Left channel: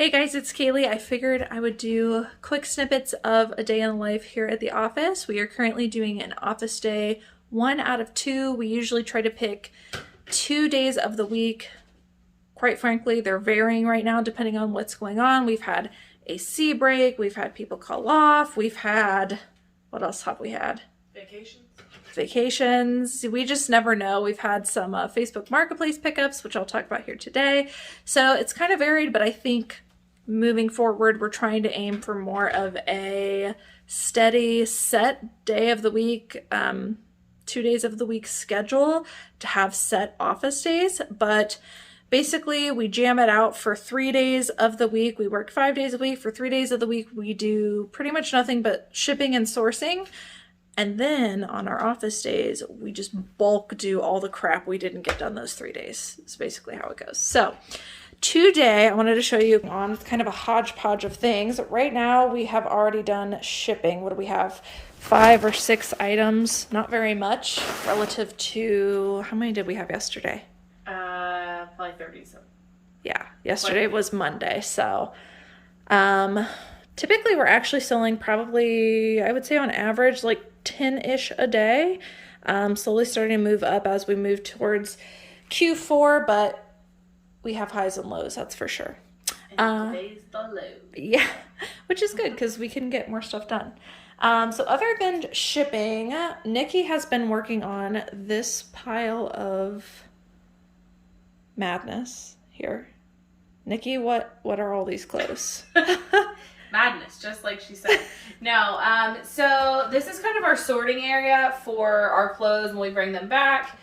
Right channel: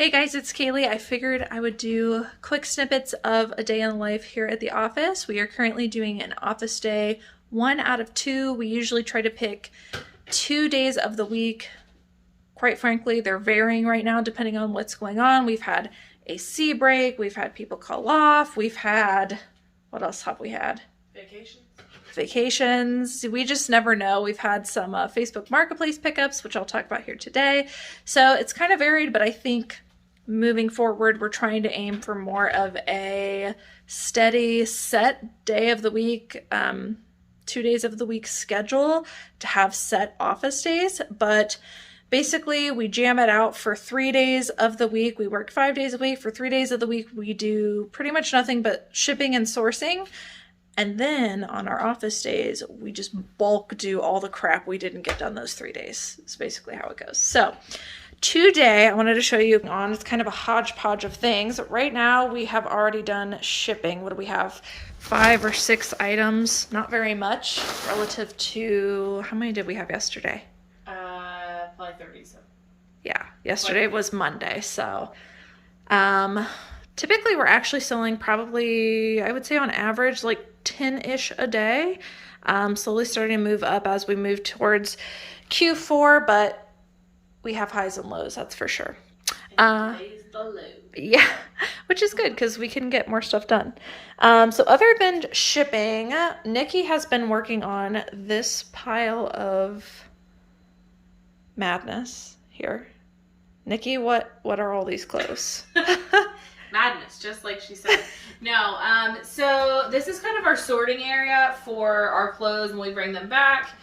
Hey guys, it's Cayley. I figured I would do quick snippets of a day in the life here at the office. We are currently doing an office day, 1 out of 2. We usually try to pick 2 days of the week. Quite frankly, they're varying right now depending on what's going on. We've had a sea break, we've had people call off, we've had, what else have we had? Vacations. We just never know. We've had some Facebook Marketplace pickups, which I'll talk about here today. So it's kind of varied, but I think moving forward, we're trying to aim for more of a steady set day of the week, 2 days of the week schedule to have set office days. But basically, we jam it out for 3 days of the week. We work 5 days a week. For 3 days of the week, we do pretty much nothing but shipping and sourcing. And then on our office days, we just bulk do all the crap we didn't get done those 3 days. That's basically how it goes. So today I wanted to show you on, it's kind of a hodgepodge of things. Right now we have already done shipping. What do we have? 5 or 6 items, not very much relative to, how many did we have yesterday? Probably 30-something. Yeah, yesterday was Monday. So, typically we're actually selling probably, I would say on average, like 10-ish a day. Slowly starting to move up as we move towards Q4, but we have highs and lows, that's for sure. Today's the low. Yeah, which is good because we can get more stuff done. So other than shipping, Nikki has been working on this pile of madness here. Nikki, what are all these clothes? Madness, just like she said. No, so this is kind of our sorting area for our clothes when we bring them back.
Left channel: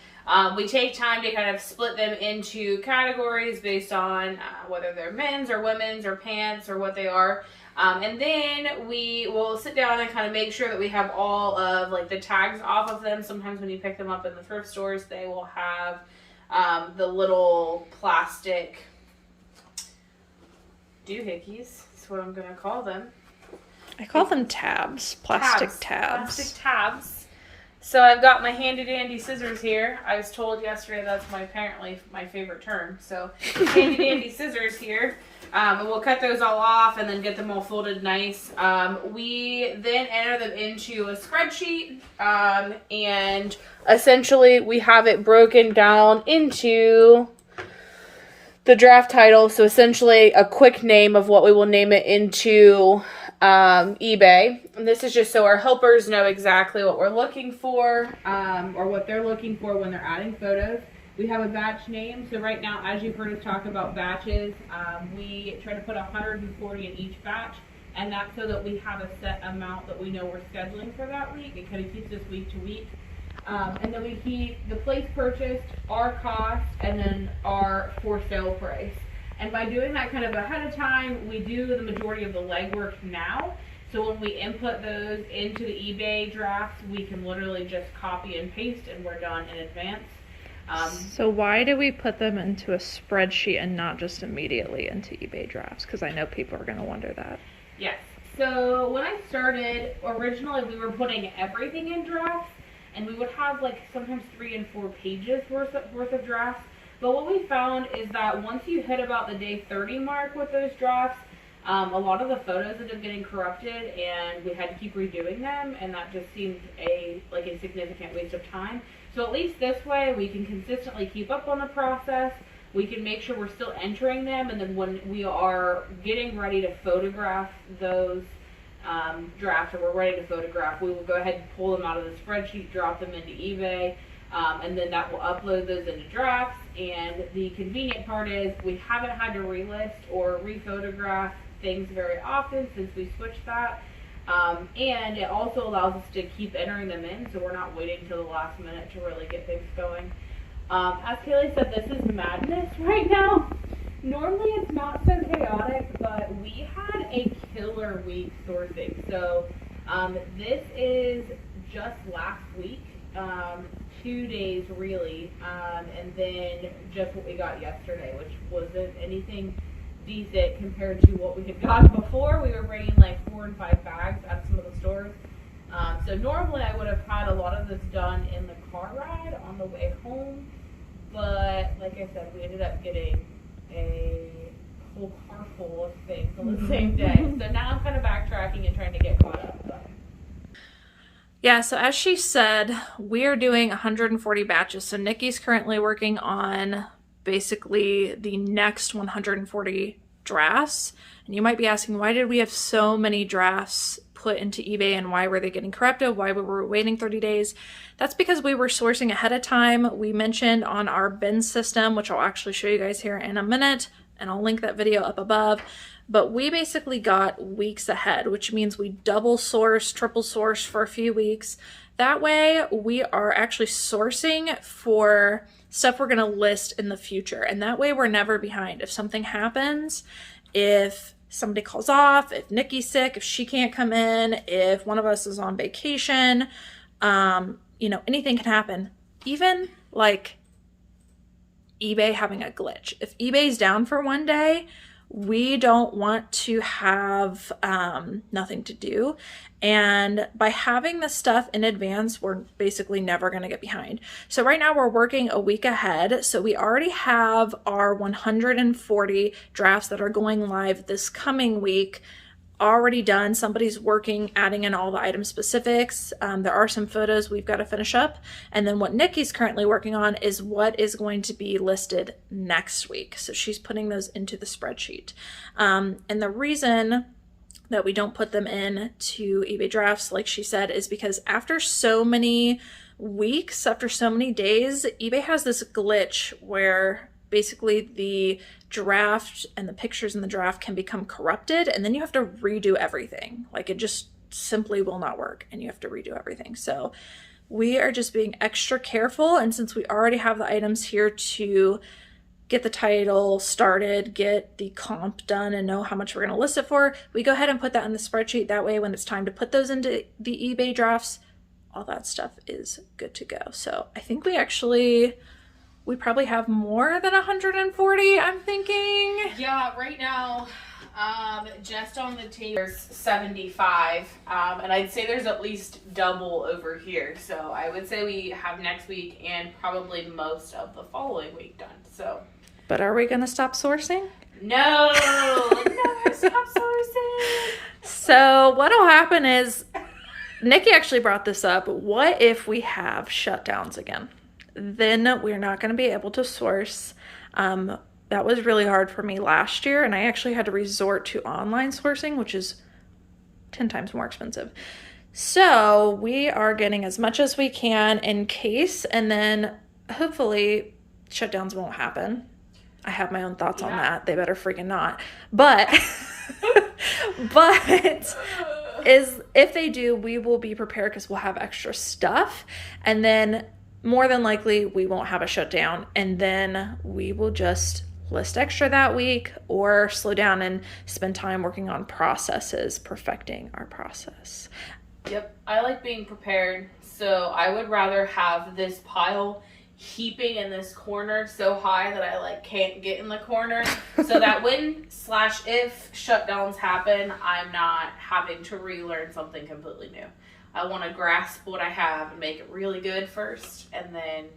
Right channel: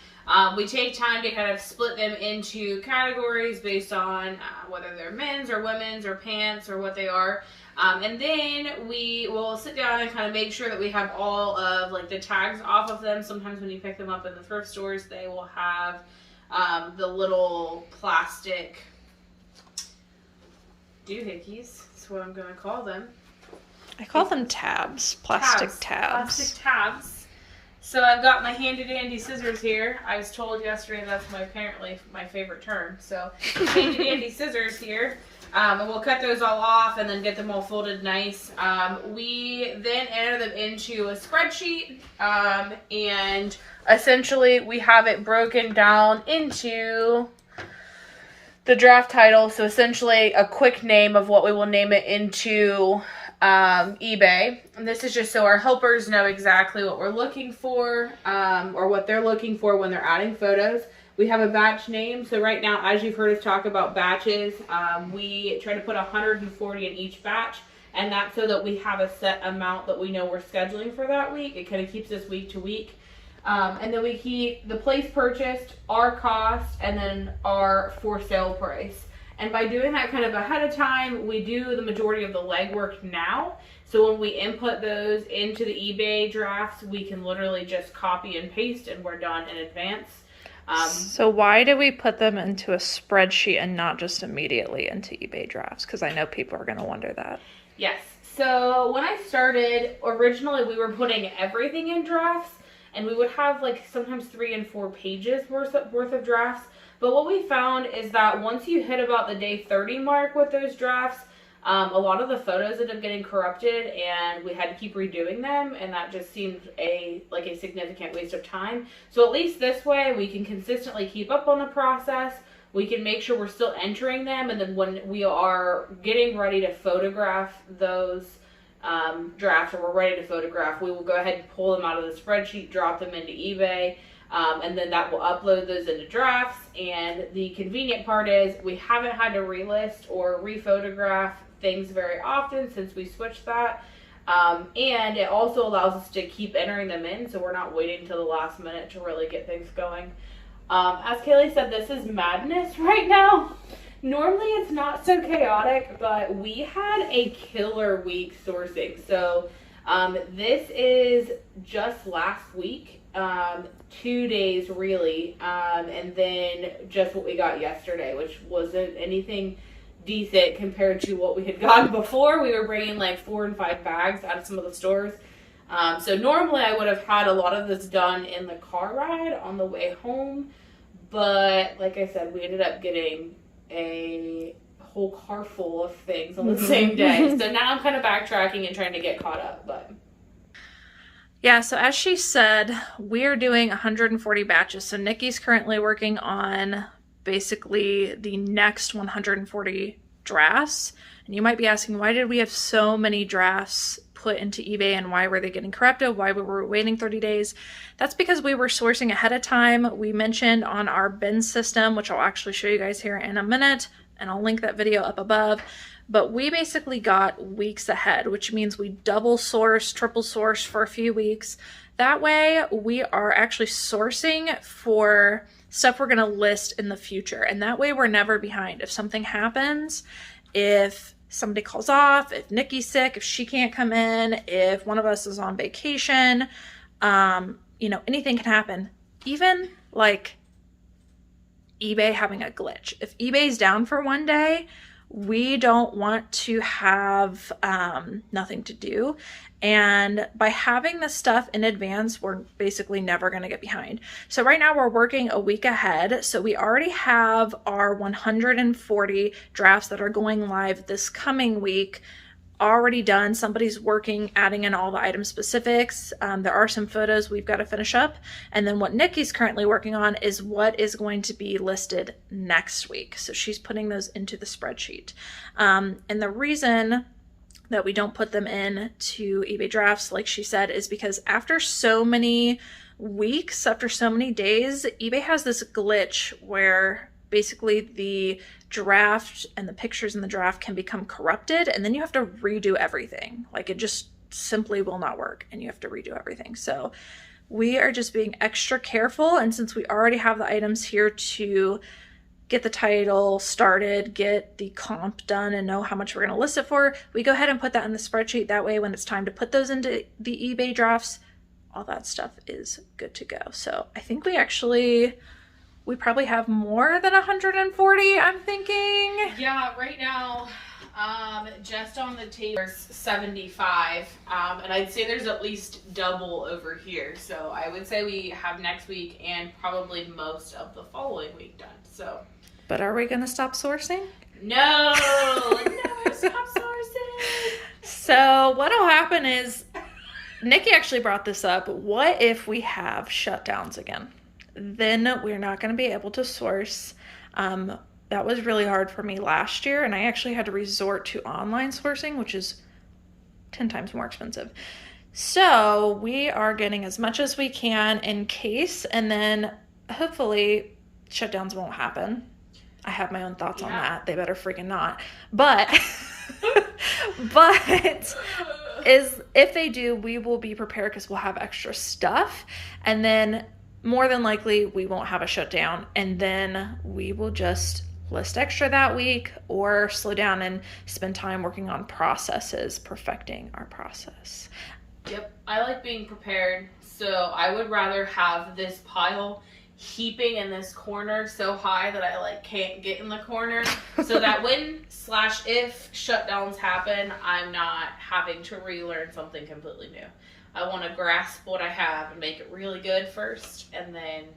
We take time to kind of split them into categories based on whether they're men's or women's or pants or what they are. And then we will sit down and kind of make sure that we have all of like the tags off of them. Sometimes when you pick them up in the thrift stores, they will have the little plastic doohickeys. That's what I'm going to call them. I call them tabs. Plastic tabs. Plastic tabs. So I've got my handy dandy scissors here. I was told yesterday that's apparently my favorite term. So handy dandy scissors here. And we'll cut those all off and then get them all folded nice. We then enter them into a spreadsheet. And essentially we have it broken down into the draft title. So essentially a quick name of what we will name it into eBay. And this is just so our helpers know exactly what we're looking for, or what they're looking for when they're adding photos. We have a batch name. So right now, as you've heard us talk about batches, we try to put 140 in each batch. And that's so that we have a set amount that we know we're scheduling for that week. It kind of keeps us week to week. And then we keep the place purchased, our cost, and then our for sale price. And by doing that kind of ahead of time, we do the majority of the legwork now. So when we input those into the eBay drafts, we can literally just copy and paste and we're done in advance. So why do we put them into a spreadsheet and not just immediately into eBay drafts? Because I know people are going to wonder that. Yes. So when I started, originally we were putting everything in drafts. And we would have like sometimes 3 and 4 pages worth of drafts. But what we found is that once you hit about the day 30 mark with those drafts, a lot of the photos ended up getting corrupted and we had to keep redoing them. And that just seemed like a significant waste of time. So at least this way we can consistently keep up on the process. We can make sure we're still entering them. And then when we are getting ready to photograph those drafts, or we're ready to photograph, we will go ahead and pull them out of the spreadsheet, drop them into eBay, and then that will upload those into drafts. And the convenient part is we haven't had to relist or rephotograph things very often since we switched that. And it also allows us to keep entering them in, so we're not waiting until the last minute to really get things going. As Cayley said, this is madness right now. Normally it's not so chaotic, but we had a killer week sourcing. So this is just last week, 2 days really, and then just what we got yesterday, which wasn't anything decent compared to what we had gotten before. We were bringing like 4 and 5 bags out of some of the stores. So normally I would have had a lot of this done in the car ride on the way home, but like I said, we ended up getting a whole car full of things on the same day. So now I'm kind of backtracking and trying to get caught up, but. Yeah, so as she said, we're doing 140 batches. So Nikki's currently working on basically the next 140 drafts. And you might be asking, why did we have so many drafts put into eBay and why were they getting corrupted? Why we were waiting 30 days? That's because we were sourcing ahead of time. We mentioned on our bin system, which I'll actually show you guys here in a minute, and I'll link that video up above. But we basically got weeks ahead, which means we double source, triple source for a few weeks. That way we are actually sourcing for stuff we're going to list in the future. And that way we're never behind. If something happens, if somebody calls off, if Nikki's sick, if she can't come in, if one of us is on vacation, you know, anything can happen. Even like eBay having a glitch. If eBay's down for one day, we don't want to have nothing to do. And by having this stuff in advance, we're basically never going to get behind. So right now we're working a week ahead. So we already have our 140 drafts that are going live this coming week already done. Somebody's working, adding in all the item specifics. There are some photos we've got to finish up. And then what Nikki's currently working on is what is going to be listed next week. So she's putting those into the spreadsheet. And the reason that we don't put them in to eBay drafts, like she said, is because after so many weeks, after so many days, eBay has this glitch where basically the draft and the pictures in the draft can become corrupted, and then you have to redo everything. Like, it just simply will not work and you have to redo everything. So we are just being extra careful. And since we already have the items here to get the title started, get the comp done, and know how much we're going to list it for, we go ahead and put that in the spreadsheet. That way, when it's time to put those into the eBay drafts, all that stuff is good to go. So I think we probably have more than 140, I'm thinking. Yeah, right now, just on the table, there's 75, and I'd say there's at least double over here. So I would say we have next week and probably most of the following week done. So. But are we going to stop sourcing? No, never stop sourcing. So what'll happen is, Nikki actually brought this up. What if we have shutdowns again? Then we're not going to be able to source. That was really hard for me last year, and I actually had to resort to online sourcing, which is 10 times more expensive. So we are getting as much as we can in case, and then hopefully shutdowns won't happen. I have my own thoughts on that. They better freaking not. But if they do, we will be prepared because we'll have extra stuff, and then more than likely we won't have a shutdown, and then we will just list extra that week or slow down and spend time working on processes, perfecting our process. Yep, I like being prepared. So I would rather have this pile heaping in this corner so high that I like can't get in the corner, so that when/if shutdowns happen, I'm not having to relearn something completely new. I want to grasp what I have and make it really good first, and then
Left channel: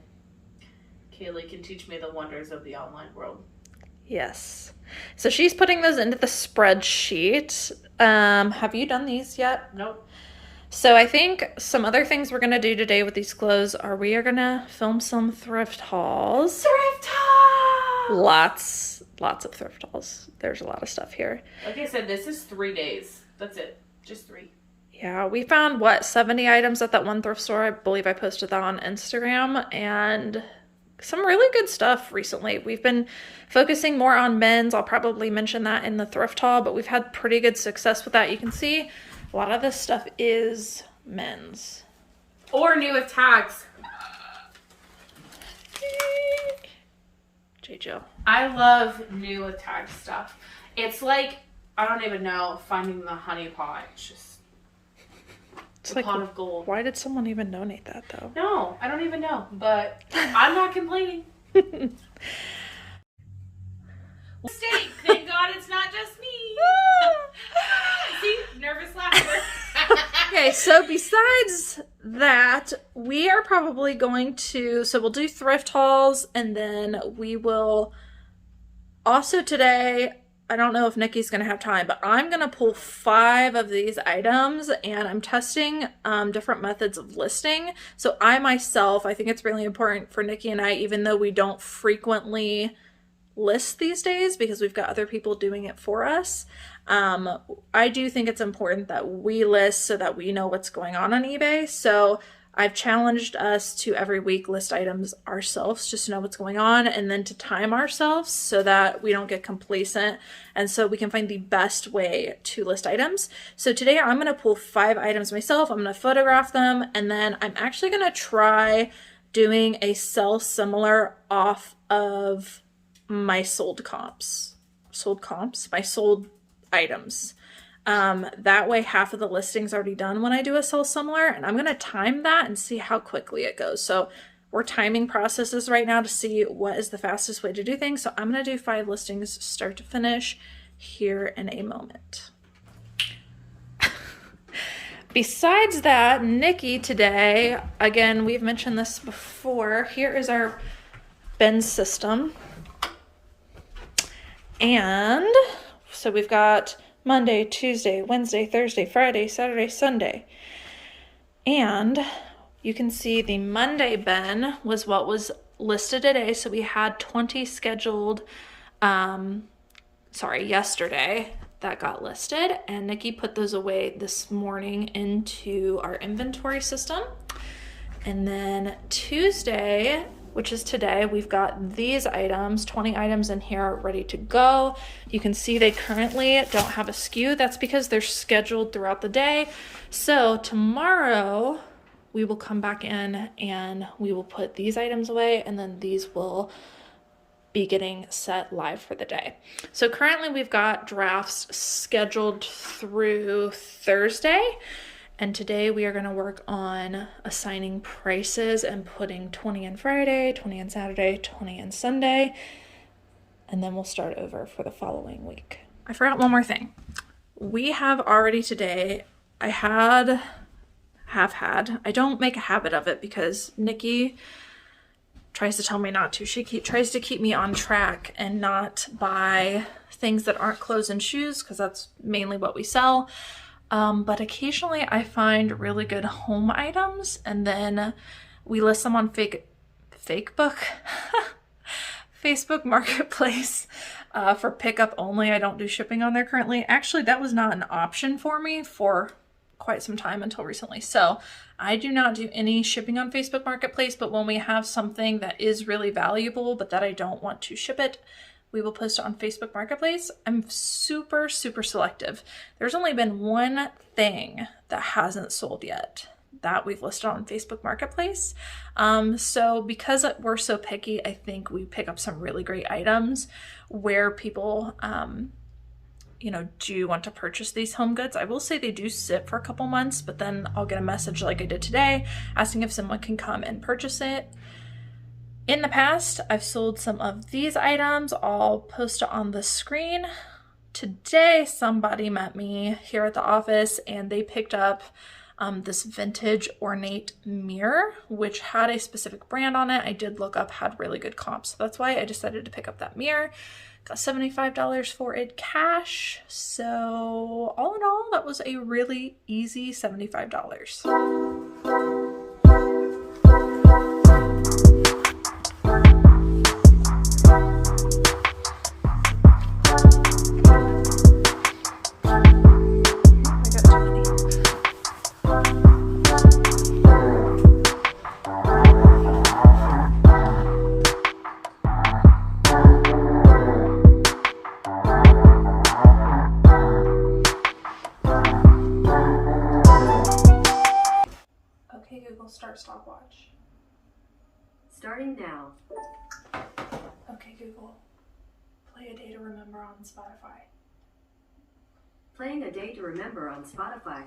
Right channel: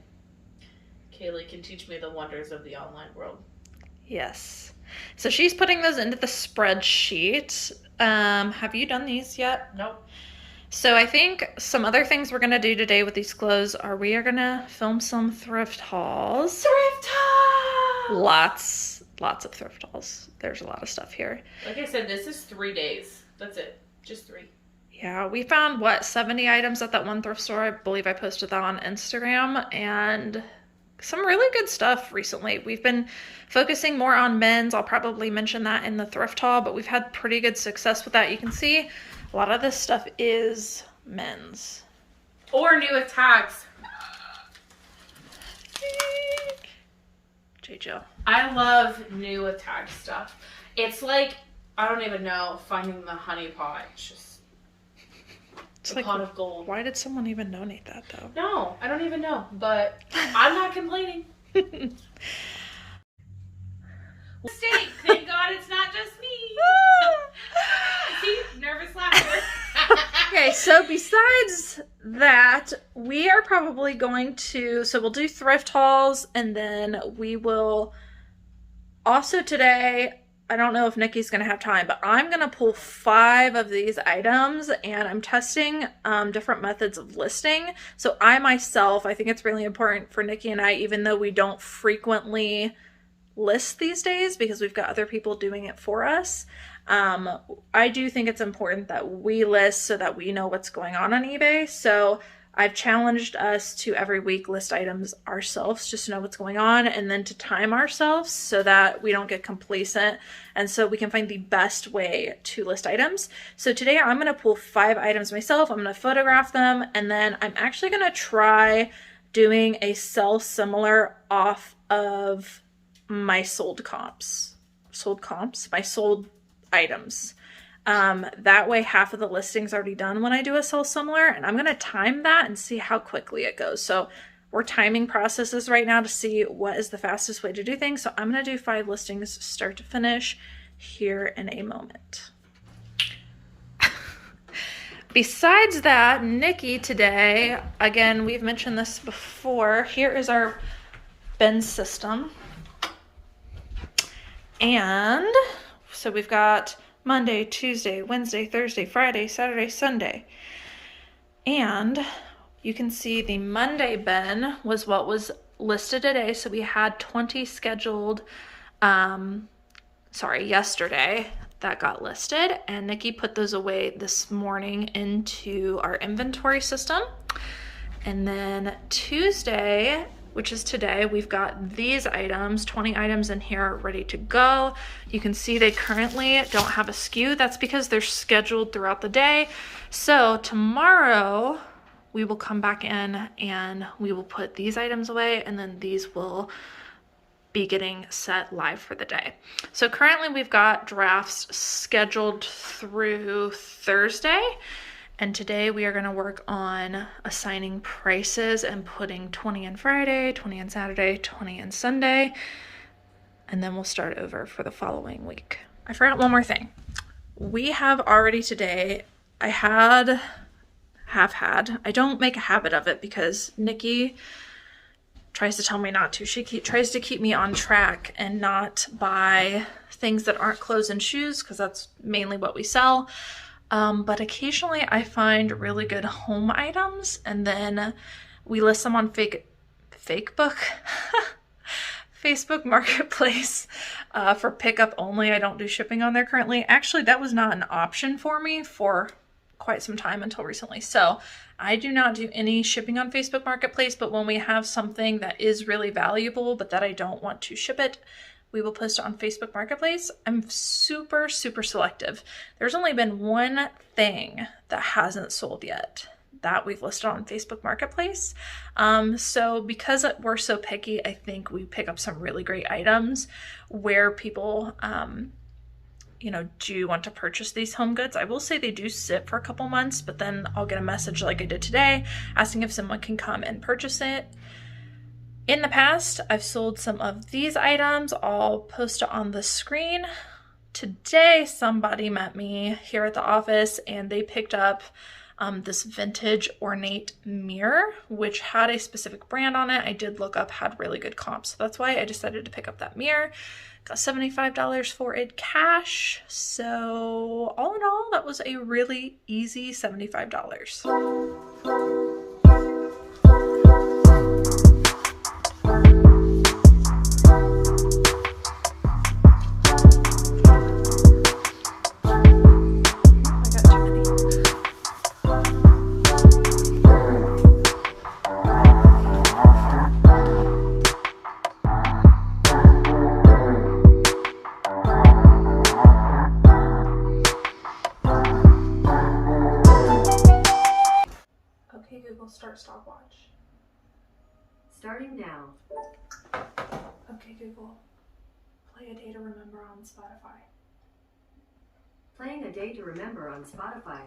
Cayley can teach me the wonders of the online world. Yes. So she's putting those into the spreadsheet. Have you done these yet? Nope. So I think some other things we're going to do today with these clothes are we are going to film some thrift hauls. Thrift haul! Lots of thrift hauls. There's a lot of stuff here. Like I said, this is 3 days. That's it. Just 3. Yeah, we found, 70 items at that one thrift store. I believe I posted that on Instagram, and some really good stuff recently. We've been focusing more on men's. I'll probably mention that in the thrift haul, but we've had pretty good success with that. You can see a lot of this stuff is men's. Or new attacks. J. Jill. I love new attack stuff. It's like, I don't even know, finding the honey pot. It's like, pot of gold. Why did someone even donate that, though? No, I don't even know, but I'm not complaining. Mistake. Thank God it's not just me. See, nervous laughter. Okay, so besides that, we are probably going to, so we'll do thrift hauls, and then we will also today, I don't know if Nikki's going to have time, but I'm going to pull 5 of these items, and I'm testing different methods of listing. So I myself, I think it's really important for Nikki and I, even though we don't frequently list these days because we've got other people doing it for us. I do think it's important that we list so that we know what's going on eBay. So I've challenged us to every week list items ourselves just to know what's going on, and then to time ourselves so that we don't get complacent and so we can find the best way to list items. So today I'm going to pull 5 items myself. I'm going to photograph them, and then I'm actually going to try doing a sell similar off of my sold items. That way half of the listing's already done when I do a sell similar, and I'm going to time that and see how quickly it goes. So we're timing processes right now to see what is the fastest way to do things. So I'm going to do 5 listings start to finish here in a moment. Besides that, Nikki today, again, we've mentioned this before, here is our bin system. And so we've got Monday, Tuesday, Wednesday, Thursday, Friday, Saturday, Sunday. And you can see the Monday bin was what was listed today. So we had 20 scheduled, yesterday that got listed. And Nikki put those away this morning into our inventory system. And then Tuesday, which is today, we've got these items, 20 items in here ready to go. You can see they currently don't have a SKU. That's because they're scheduled throughout the day. So tomorrow we will come back in and we will put these items away, and then these will be getting set live for the day. So currently we've got drafts scheduled through Thursday. And today we are going to work on assigning prices and putting 20 in Friday, 20 in Saturday, 20 in Sunday. And then we'll start over for the following week. I forgot one more thing. We have already today, I don't make a habit of it because Nikki tries to tell me not to. She tries to keep me on track and not buy things that aren't clothes and shoes because that's mainly what we sell. But occasionally I find really good home items, and then we list them on Facebook Marketplace for pickup only. I don't do shipping on there currently. Actually, that was not an option for me for quite some time until recently. So I do not do any shipping on Facebook Marketplace, but when we have something that is really valuable but that I don't want to ship it, we will post it on Facebook Marketplace. I'm super, super selective. There's only been one thing that hasn't sold yet that we've listed on Facebook Marketplace. So because we're so picky, I think we pick up some really great items where people, do want to purchase these home goods. I will say they do sit for a couple months, but then I'll get a message like I did today asking if someone can come and purchase it. In the past, I've sold some of these items. I'll post it on the screen. Today, somebody met me here at the office and they picked up this vintage ornate mirror, which had a specific brand on it. I did look up, had really good comps. So that's why I decided to pick up that mirror. Got $75 for it cash. So all in all, that was a really easy $75. Start stopwatch. Starting now. Okay, Google. Play A Day to Remember on Spotify. Playing A Day to Remember on Spotify.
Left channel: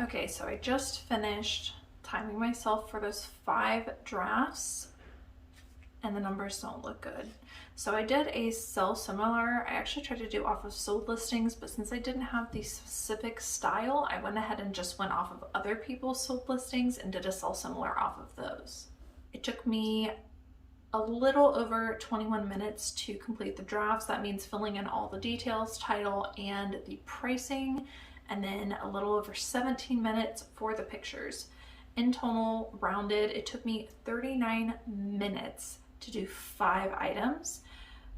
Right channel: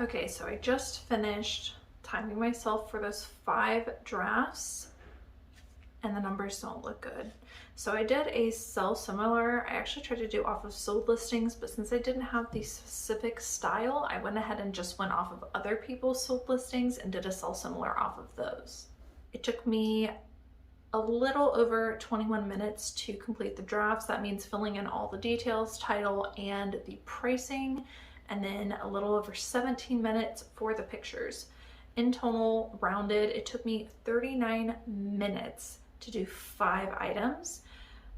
Okay, so I just finished timing myself for those 5 drafts and the numbers don't look good. So I did a sell similar. I actually tried to do off of sold listings, but since I didn't have the specific style, I went ahead and just went off of other people's sold listings and did a sell similar off of those. It took me a little over 21 minutes to complete the drafts. That means filling in all the details, title, and the pricing, and then a little over 17 minutes for the pictures. In total, rounded, it took me 39 minutes to do 5 items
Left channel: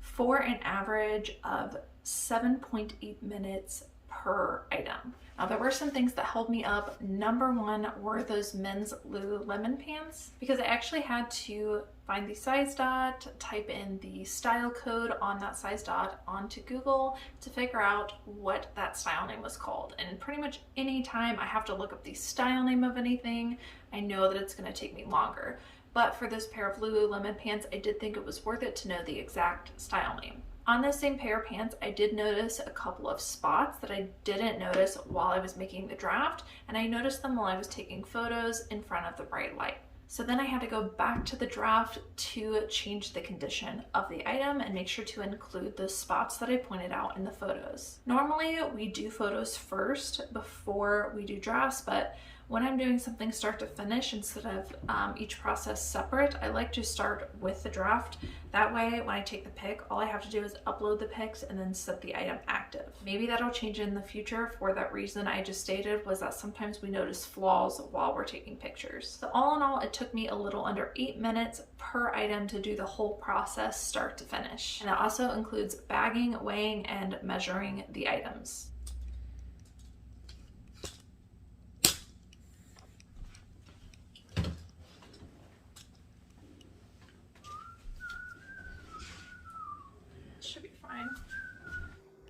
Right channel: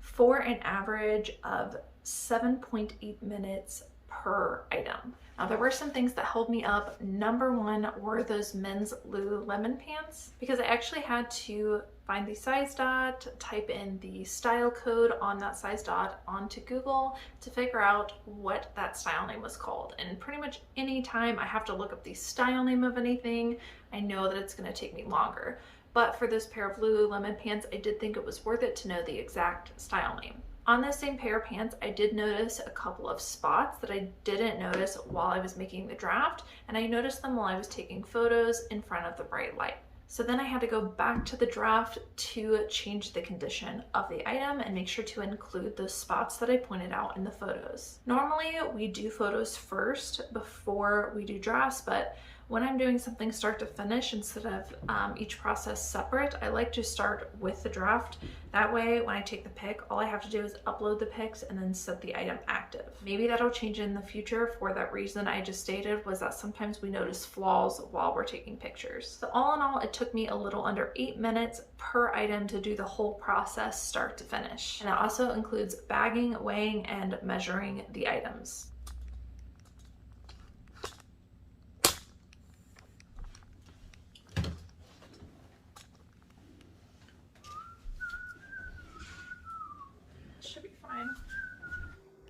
for an average of 7.8 minutes per item. Now there were some things that held me up. Number one were those men's Lululemon pants, because I actually had to find the size dot, type in the style code on that size dot onto Google to figure out what that style name was called. And pretty much any time I have to look up the style name of anything, I know that it's going to take me longer. But for this pair of Lululemon pants, I did think it was worth it to know the exact style name. On this same pair of pants, I did notice a couple of spots that I didn't notice while I was making the draft, and I noticed them while I was taking photos in front of the bright light. So then I had to go back to the draft to change the condition of the item and make sure to include those spots that I pointed out in the photos. Normally we do photos first before we do drafts, but when I'm doing something start to finish instead of each process separate, I like to start with the draft. That way, when I take the pic, all I have to do is upload the pics and then set the item active. Maybe that'll change in the future for that reason I just stated, was that sometimes we notice flaws while we're taking pictures. So all in all, it took me a little under 8 minutes per item to do the whole process start to finish. And it also includes bagging, weighing, and measuring the items.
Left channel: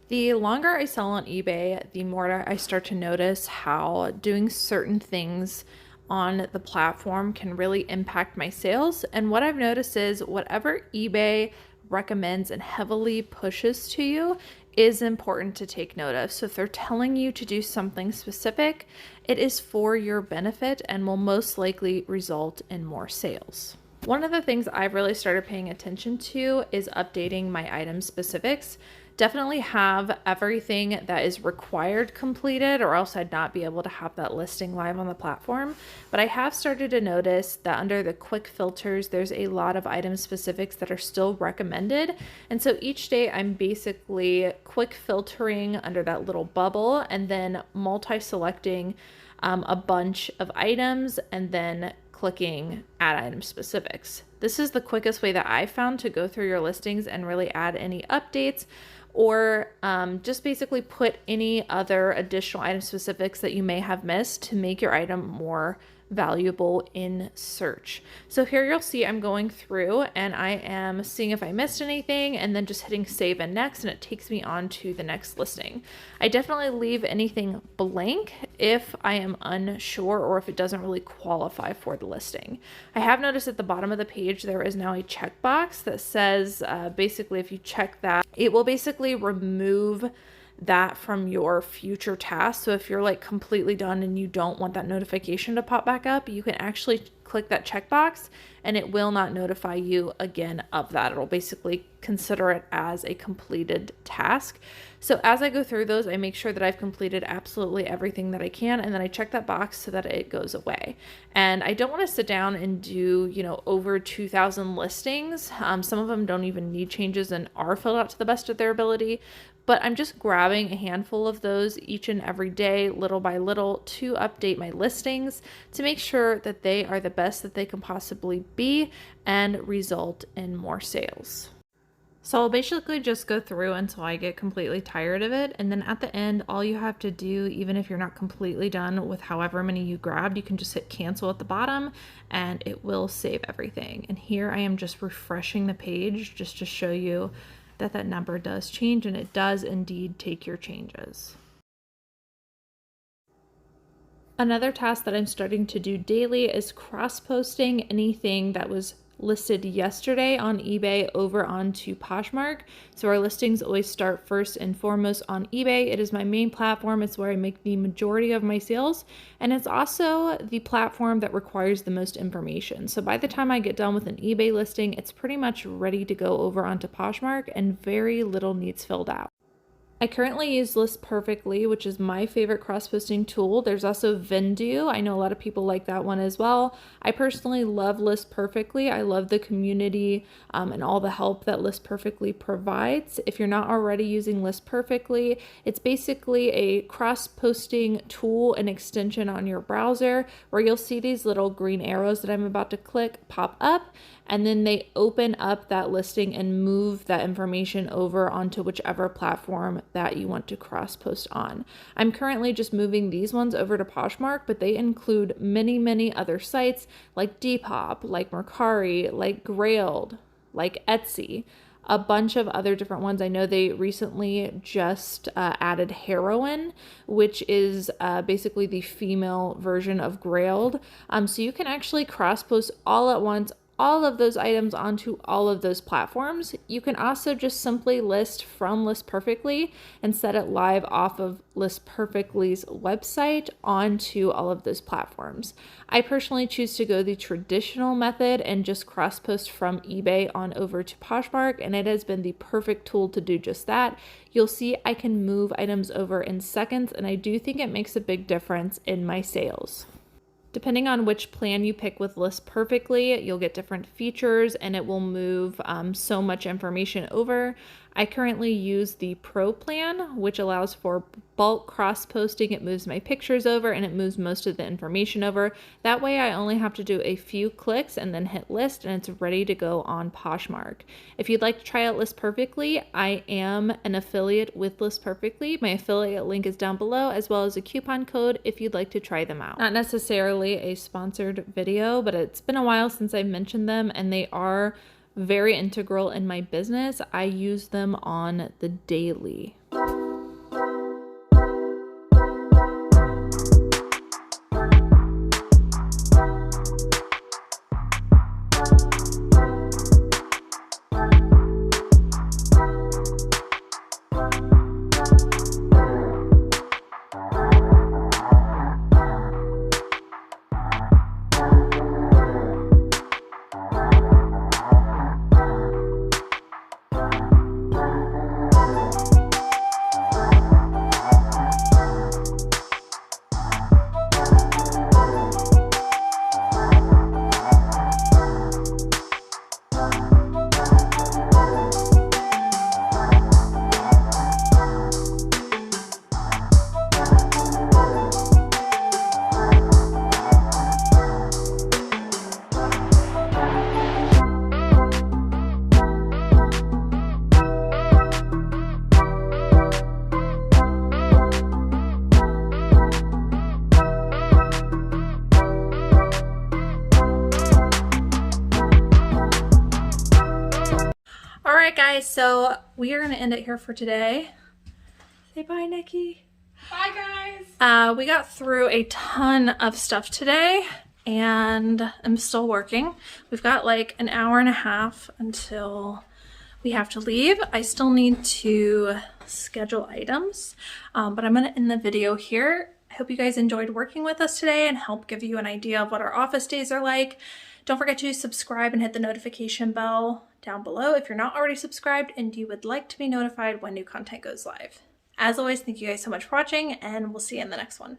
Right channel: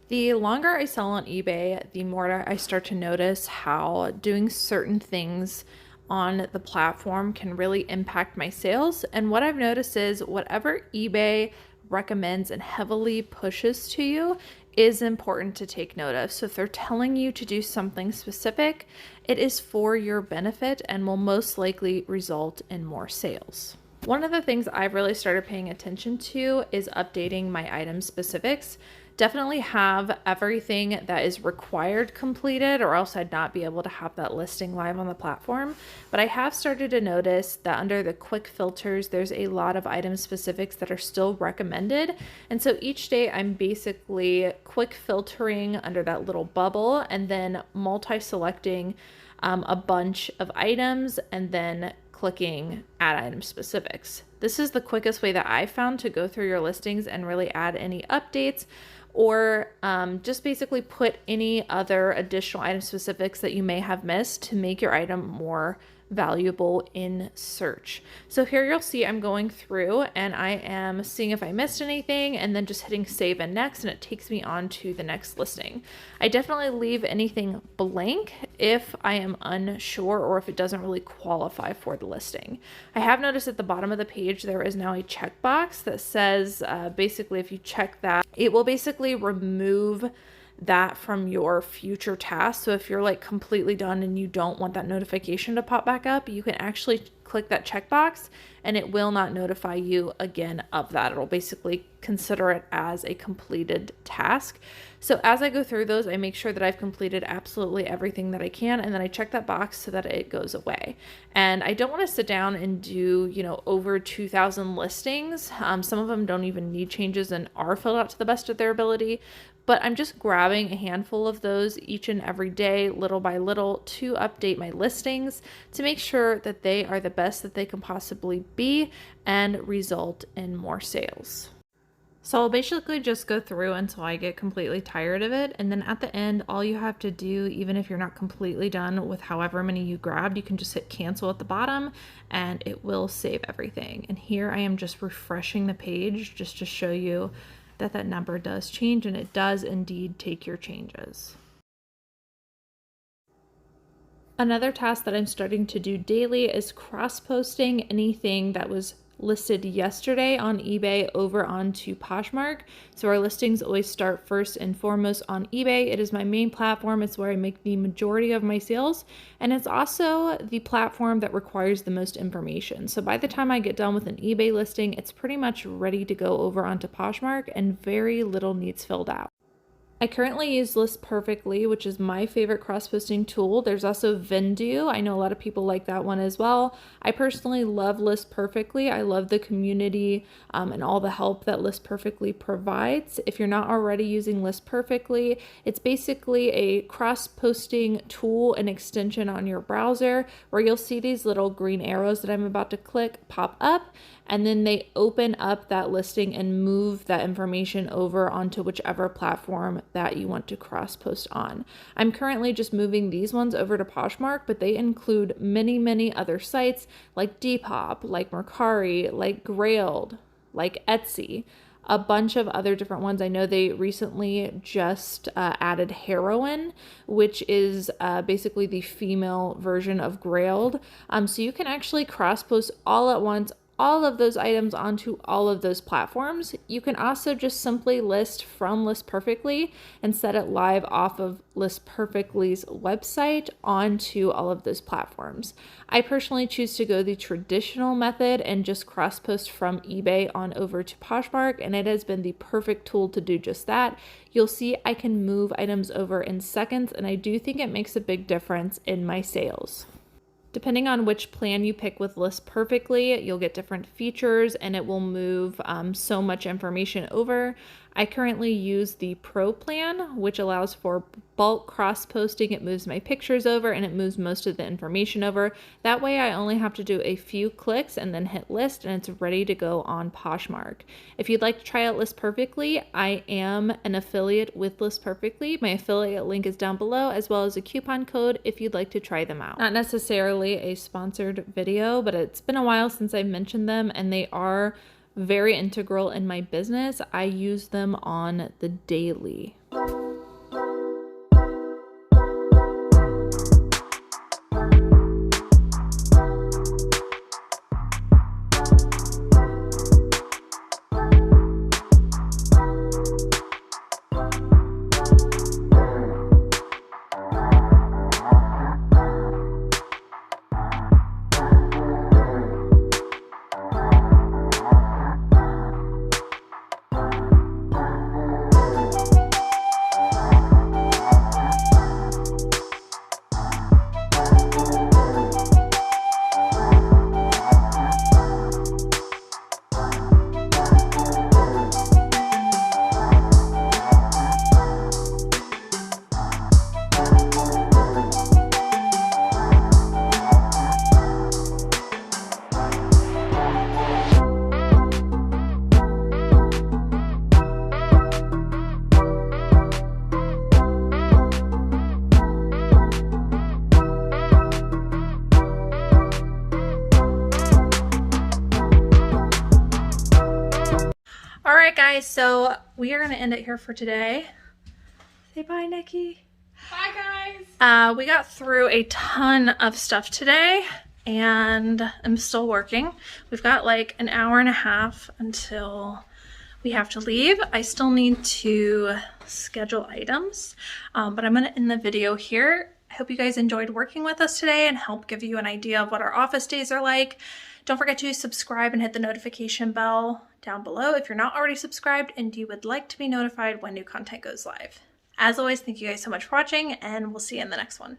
The longer I sell on eBay, the more I start to notice how doing certain things on the platform can really impact my sales. And what I've noticed is whatever eBay recommends and heavily pushes to you is important to take note of. So if they're telling you to do something specific, it is for your benefit and will most likely result in more sales. One of the things I've really started paying attention to is updating my item specifics. Definitely have everything that is required completed, or else I'd not be able to have that listing live on the platform. But I have started to notice that under the quick filters, there's a lot of item specifics that are still recommended. And so each day I'm basically quick filtering under that little bubble and then multi-selecting a bunch of items and then clicking add item specifics. This is the quickest way that I found to go through your listings and really add any updates, or just basically put any other additional item specifics that you may have missed to make your item more valuable in search. So here you'll see I'm going through and I am seeing if I missed anything and then just hitting save and next, and it takes me on to the next listing. I definitely leave anything blank if I am unsure or if it doesn't really qualify for the listing. I have noticed at the bottom of the page there is now a checkbox that says basically if you check that, it will basically remove that from your future tasks. So if you're like completely done and you don't want that notification to pop back up, you can actually click that checkbox and it will not notify you again of that. It'll basically consider it as a completed task. So as I go through those, I make sure that I've completed absolutely everything that I can, and then I check that box so that it goes away. And I don't want to sit down and do, over 2,000 listings. Some of them don't even need changes and are filled out to the best of their ability. But I'm just grabbing a handful of those each and every day, little by little, to update my listings to make sure that they are the best that they can possibly be and result in more sales. So I'll basically just go through until I get completely tired of it. And then at the end, all you have to do, even if you're not completely done with however many you grabbed, you can just hit cancel at the bottom and it will save everything. And here I am just refreshing the page just to show you that that number does change, and it does indeed take your changes. Another task that I'm starting to do daily is cross-posting anything that was listed yesterday on eBay over onto Poshmark. So our listings always start first and foremost on eBay. It is my main platform. It's where I make the majority of my sales. And it's also the platform that requires the most information. So by the time I get done with an eBay listing, it's pretty much ready to go over onto Poshmark and very little needs filled out. I currently use List Perfectly, which is my favorite cross-posting tool. There's also Vendu. I know a lot of people like that one as well. I personally love List Perfectly. I love the community and all the help that List Perfectly provides. If you're not already using List Perfectly, it's basically a cross-posting tool and extension on your browser where you'll see these little green arrows that I'm about to click pop up, and then they open up that listing and move that information over onto whichever platform that you want to cross post on. I'm currently just moving these ones over to Poshmark, but they include many other sites like Depop, like Mercari, like Grailed, like Etsy, a bunch of other different ones. I know they recently just added Heroine, which is basically the female version of Grailed. So you can actually cross post all at once all of those items onto all of those platforms. You can also just simply list from List Perfectly and set it live off of List Perfectly's website onto all of those platforms. I personally choose to go the traditional method and just cross post from eBay on over to Poshmark, and it has been the perfect tool to do just that. You'll see I can move items over in seconds, and I do think it makes a big difference in my sales. Depending on which plan you pick with List Perfectly, you'll get different features and it will move so much information over. I currently use the Pro plan, which allows for bulk cross posting. It moves my pictures over and it moves most of the information over. That way I only have to do a few clicks and then hit list and it's ready to go on Poshmark. If you'd like to try out List Perfectly, I am an affiliate with List Perfectly. My affiliate link is down below, as well as a coupon code if you'd like to try them out. Not necessarily a sponsored video, but it's been a while since I mentioned them and they are very integral in my business. I use them on the daily. Alright guys, so we are going to end it here for today. Say bye, Nikki. Bye guys. We got through a ton of stuff today and I'm still working. We've got like an hour and a half until we have to leave. I still need to schedule items, but I'm going to end the video here. I hope you guys enjoyed working with us today and help give you an idea of what our office days are like. Don't forget to subscribe and hit the notification bell down below if you're not already subscribed and you would like to be notified when new content goes live. As always, thank you guys so much for watching and we'll see you in the next one.